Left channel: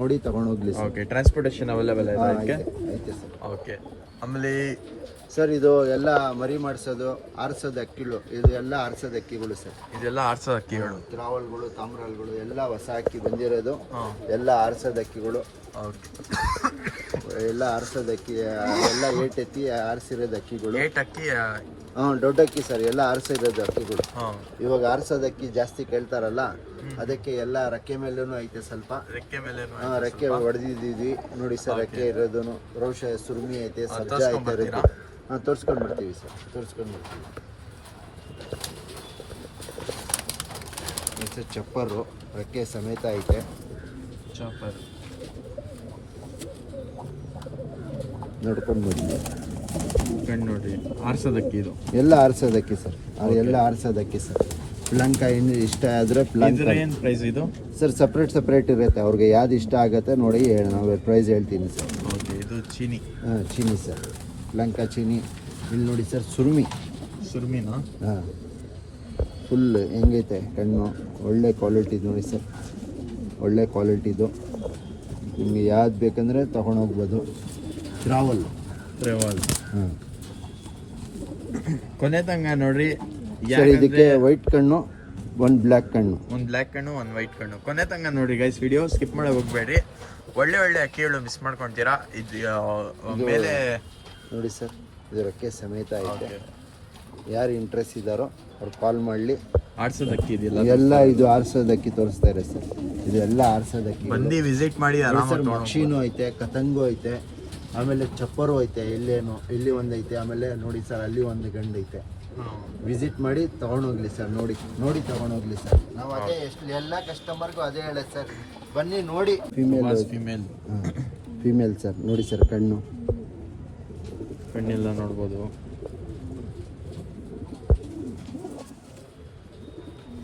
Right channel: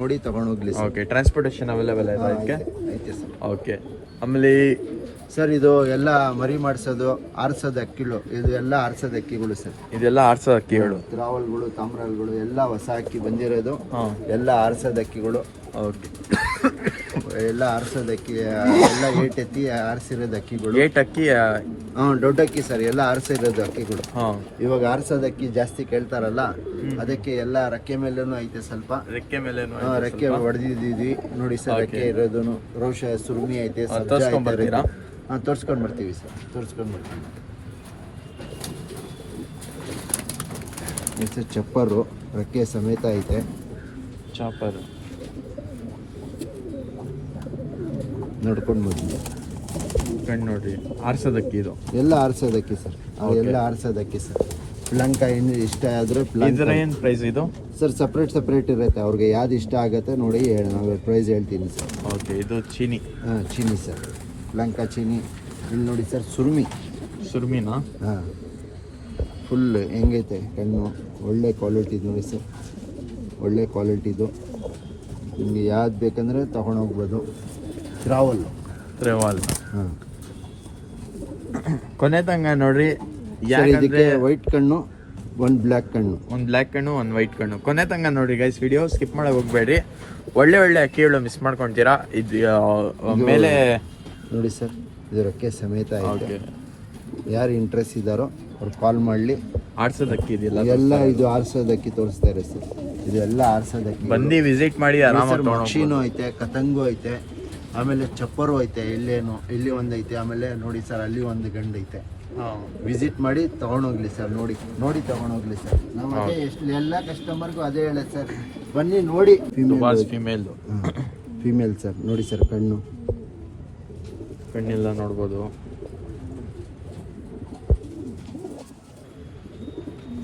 ನೋಡಿ ತಗೊಂಡೋಗ್ಲಿ sir. Okay, transportation available ಇದೆ ಅದಕ್ಕೆ? ಐತೆ ಸರ್. ಓಕೆ, ಆಮೇಲೆ ಸರ್ ಇದು ಎಲ್ಲ ಮರಿ ಮಾಡಿಸೋದು ಆರ್ಸೋದು ಅಕ್ಕಿಗಳು, ಇದು ಎಲ್ಲ ಆರ್ಸೋದು ಅಕ್ಕಿಗಳು ಸರ್. ಇದೆಲ್ಲ ಆರ್ಸೋ ಅಕ್ಕಿಗಳು, ತ್ರಾವಲ್ಗಳು, ತಾಮ್ರಾಲ್ಗಳು ಎಲ್ಲ ಹೊಸ ಅಕ್ಕಿ ಬಂದಿರೋದು, ಎಲ್ಲ ಆರ್ಸೋದು ಅಕ್ಕಿಗಳು. ಓಕೆ, ಎಲ್ಲ ಆರ್ಸೋದು ಅಕ್ಕಿ, ಎಲ್ಲ ವೇಟ್ ಎತ್ತಿ ಆರಿಸಿರೋದು ಅಕ್ಕಿಗಳು. ಏಟ್ ಅಕ್ಕಿ? ದೊಡ್ಡ ಅಕ್ಕಿ ಸರ್, ಎಲ್ಲ ಆರಿಸಿರೋದು ಅಕ್ಕಿಗಳು. ಇವಾಗ ಆರ್ಸೋದು ಅಕ್ಕಿ ಜಾಸ್ತಿ ಕೇಳ್ತಾರಲ್ಲ, ಅದಕ್ಕೆ ಎಲ್ಲ ರೆಕ್ಕೆ ಮೇಲೇನು ಐತೆ ಸ್ವಲ್ಪ. ರೆಕ್ಕೆ ಮೇಲೆ ರೆಕ್ಕೆ ಹೊಡೆದಿದ್ದೀವಿ ನೋಡಿ ಸರ್. ರೆಕ್ಕೆ ಇರೋದು ರೋಷ ಸುರುಮಿ ಐತೆ. ತೋರ್ಸ್ಕೊಂಡ್ ಬರ್ತೀರಾ? ತೋರಿಸ್ಕೊಂಡು ಬರ್ತೀವಿ ಸರ್, ತೋರಿಸ್ಕೊಂಡು ಬರ್ತೀವಿ. ಸರ್ ಚಪ್ಪರು ರೆಕ್ಕೆ ಸಮೇತ ಐತೆ. ಚಾಪರ್ ನೋಡ್ಕೊಂಡು ಬರ್ತೀವಿ. ಕಣ್ಣು ನೋಡ್ರಿ, ಆರ್ಸೋದಕ್ಕಿ ಇದು ಎಲ್ಲ ಆರ್ಸೋದಕ್ಕಿ ಸರ್, ಎಲ್ಲ ಆರ್ಸೋದಕ್ಕಿ ಸರ್. ಪ್ಲಂಕ ಏನು ಇಷ್ಟ ಆದರೆ ಇದರ ಏನು ಪ್ರೈಸ್ ಇದು ಸರ್? ಸಪ್ರೇಟ್ ಇರುತ್ತೆ, ಅವ್ರಿಗೆ ಯಾವ್ದು ಇಷ್ಟ ಆಗುತ್ತೆ ನೋಡಿ ನಾವು ಪ್ರೈಸ್ ಹೇಳ್ತೀನಿ ಸರ್. ಓಕೆ, ಇದು ಚೀನಿ. ಚೀನಿ ಸರ್, ಲಂಕಾ ಚೀನಿ. ಇಲ್ಲಿ ನೋಡಿ ಸರ್, ಸುರ್ಮಿನಾ? ಹಾಂ, ಫುಲ್ ಹೆಂಗೈತೆ ಕಣ್ಣು, ಒಳ್ಳೆ ಕ್ವಾಲಿಟಿ ನೋಡಿ ಸರ್, ಒಳ್ಳೆ ಕ್ವಾಲಿಟಿದು. ನಿಮಗೆ ಯಾವ್ದು ಬೇಕಂದರೆ ತೊಗೊಂಡೋಗ್ಬೋದು. ಟ್ರಾವಲ್. ಹಾಂ, ಕೊನೆ ತಂಗ ನೋಡ್ರಿ. ಇದಕ್ಕೆ ವೈಟ್ ಕಣ್ಣು, ಒಂದು ಬ್ಲ್ಯಾಕ್ ಕಣ್ಣು, ಒಂದು ಬ್ಲ್ಯಾಕ್ ಕಣ್ಣು, ಒಂದು ವೈಟ್ ಕಣ್ಣು. ಕೊನೆ ತಂಗ ನೋಡಿ ಗೈಸ್, ವಿಡಿಯೋ ಸ್ಕಿಪ್ ಮಾಡಕ್ಕೆ ಹೋಗ್ಬೇಡ್ರಿ. ಒಳ್ಳೆ ಅಕ್ಕಿಗಳು ಮಿಸ್ ಮಾಡ್ಕೊಳ್ತೀರಾ. ಇದು ಮೇಲೆ ನೋಡಿ ಸರ್, ಇದು ರೆಕ್ಕೆ ಸಮೇತ ಇದೆ. ಯಾರು ಇಂಟ್ರೆಸ್ಟ್ ಇದ್ದಾರೋ ಅವ್ರು ಕಾಲ್ ಮಾಡಲಿ. ಆರ್ಸೋದಕ್ಕಿ ಇದೆಯಲ್ಲ ಎಲ್ಲ, ಇದು ಆರ್ಸೋದಕ್ಕಿ ತೋರಿಸ್ತಾರೆ ಸರ್. ಇದು ಎಲ್ಲ ಆರ್ಸೋದಕ್ಕಿ. ಬಂದು ವಿಸಿಟ್ ಮಾಡಿ ಆರಾಮಾಗಿ ತಗೊಂಡು. ಮಕ್ಷಿನೂ ಐತೆ, ಕತಂಗು ಐತೆ, ಆಮೇಲೆ ಚಪ್ಪರು ಐತೆ. ಇಲ್ಲಿ ಒಂದು ಐತೆ, ಆಮೇಲೆ ನೋಡಿ ಸರ್ ಅಲ್ಲಿ ಒಂದು ಗಂಡು ಐತೆ. ವಿಸಿಟ್ ಮಾಡಿ ತಗೊಂಡೋಗ್ಲಿ ಸರ್, ನೋಡಿ ತಗೊಂಡೋಗ್ಲಿ ಸರ್. ನಾವು ಅದೇ ಎಲ್ಲ ಕಸ್ಟಮರ್ಗೂ ಅದೇ ಹೇಳೋದು ಸರ್, ಬನ್ನಿ ನೋಡಿ. ಫೀಮೇಲ್ ಸರ್, ನೋಡಿ ಸರ್ ಕಣ್ಣೆಲ್ಲ ನೋಡ್ಬೋದು.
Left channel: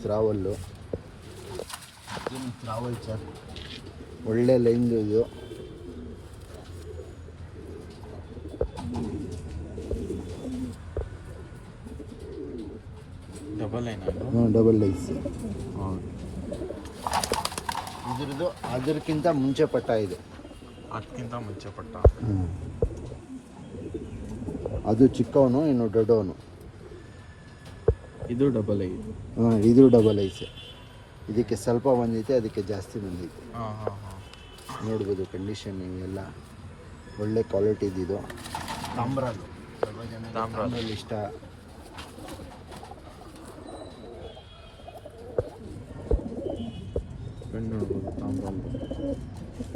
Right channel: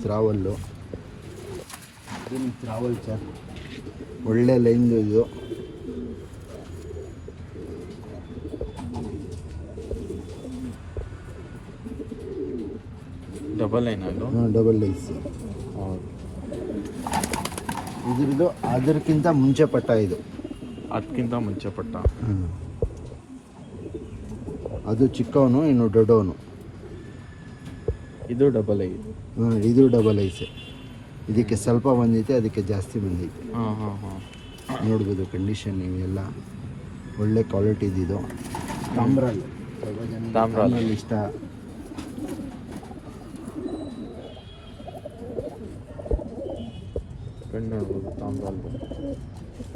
ಟ್ರಾವಲ್ಲು, ಟ್ರಾವಲ್ ಸರ್, ಒಳ್ಳೆ ಲೈನ್ ಇದು. Double line sir. ಇದ್ರದ್ದು ಅದಕ್ಕಿಂತ ಮುಂಚೆ ಪಟ್ಟ ಇದು. ಅದಕ್ಕಿಂತ ಮುಂಚೆ ಪಟ್ಟ. ಅದು ಚಿಕ್ಕವನು, ಇನ್ನು ದೊಡ್ಡವನು. ಇದು ಡಬಲ್ ಐ. ಇದು ಡಬಲ್ ಐ ಸರ್. ಇದಕ್ಕೆ ಸ್ವಲ್ಪ ಬಂದೈತೆ, ಅದಕ್ಕೆ ಜಾಸ್ತಿ ಬಂದೈತೆ. ನೋಡ್ಬೋದು ಕಂಡೀಷನ್ ಎಲ್ಲ ಒಳ್ಳೆ ಕ್ವಾಲಿಟಿ ಇದು. ತಾಮ್ರಾಲ್, ತಾಮ್ರಾಲ್ ಇಷ್ಟ. ಕಣ್ಣು ನೋಡ್ಬೋದು ತಾಮ್ರಾಲ್.